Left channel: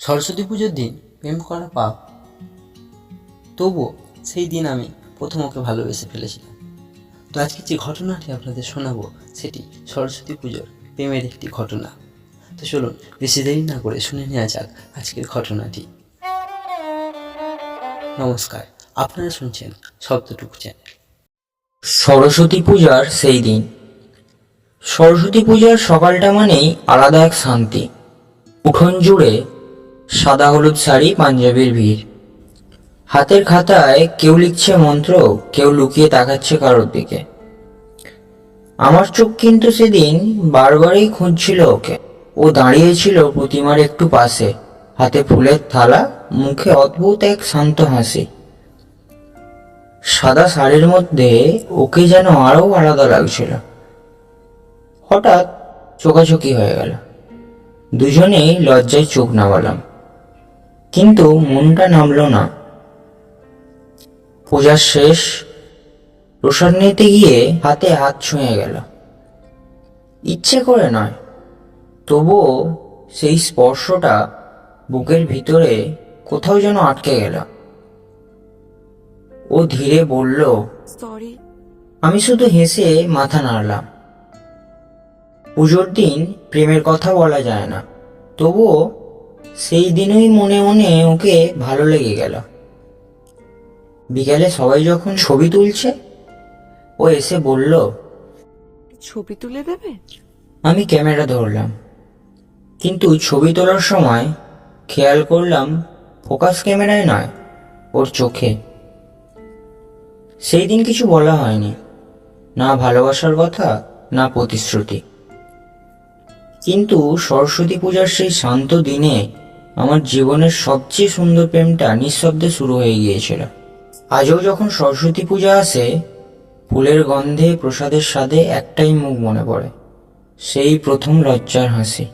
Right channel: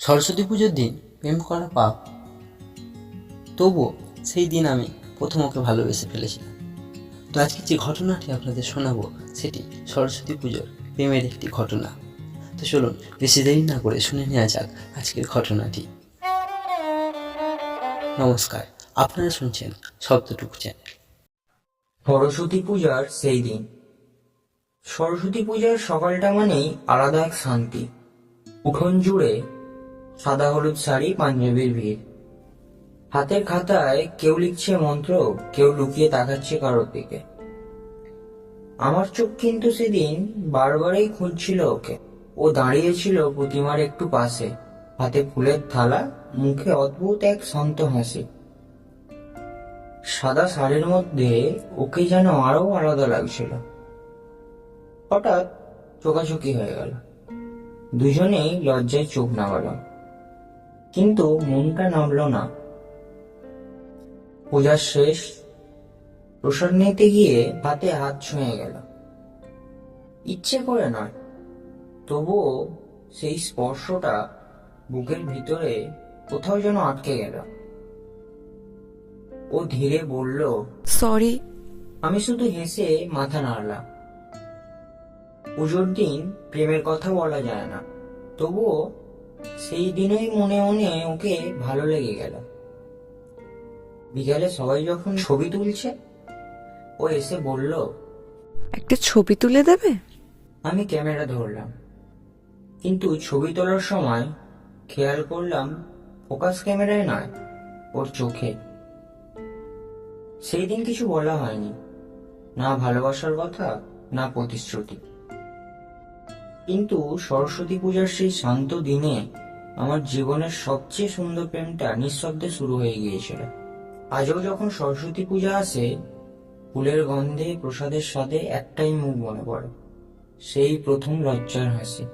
সরস্বতী পুজোর দিন প্রেম করা পাপ, তবুও সেই দিন আমি প্রথম ওকে ভালোবেসে ফেলেছিলাম। তো আজকে যে ঘটনাটি আপনাদের শোনাবো সেটি সরস্বতী পুজোর প্রেমের একটি ঘটনা। তো চলুন বেশি দেরি না করে শুনে নেওয়া যাক আজকের ঘটনাটি। নমস্কার, আপনারা শুনছেন শব্দটুকু চ্যানেল। সরস্বতী পূজার সেই দিন। সরস্বতী পূজার সকালটা মানেই আলাদা এক শান্তি। উঠোন জুড়ে সাদা হলুদ শাড়ি পাঞ্জাবির ভিড়। হাতের খাতায় কেউ লিখছে মন্ত্র, কেউ লুকিয়ে তাকাচ্ছে কারোর দিকে। আমার চোখ কিন্তু সেদিন বারবারই খুঁজছিল ওকে। ও দাঁড়িয়েছিল প্রতিমার একটু পাশে, হাতে ফুলের থালা, মুখে অদ্ভুত এক শান্ত হাসি। সাদা শাড়ির মধ্যে ওকে যেন আরো আলাদা লাগছিল। হঠাৎ চোখাচোখি হয়ে গেল। দুজনেই লজ্জায় চোখ নামালাম, কিন্তু মনটা নামলো না। পূজা শেষ, প্রসাদ নিতে গিয়ে হাতে হাত ছুঁয়ে গেল। ইচ্ছে করে নয়, তবুও সেই স্পর্শটা বুকের ভিতরে কোথাও যেন আটকে গেল। ও ধীরে বলল, সরি। আমি শুধু হেসে মাথা নাড়লাম। পুজোর দিন প্রেমের কথা বলা যায় না, তবুও সেই দিনই মনে মনে ওকে ভালো লেগে গেল। বিকালে সবাই যখন ছবি তুলছে, ও এসে বলল, একটা ছবি তুলে দেবে? আমি ক্যামেরা ধরলাম, কিন্তু ছবি তোলার সময় খেয়াল করলাম ফোকাস ক্যামেরায় নয়, ওর চোখে। সেই দিন কিছু বলা হয়নি, না ভালোবাসার কথা, না প্রতিশ্রুতি। কিন্তু সরস্বতী পূজার সেই শান্ত দিনে আমার জীবনের সবচেয়ে সুন্দর প্রেমটা নিঃশব্দে শুরু হয়ে গিয়েছিল। আজও যখন সরস্বতী পূজা আসে, ফুলের গন্ধে, প্রসাদের স্বাদে একটাই মুখ মনে পড়ে, সেই প্রথম লজ্জার হাসি।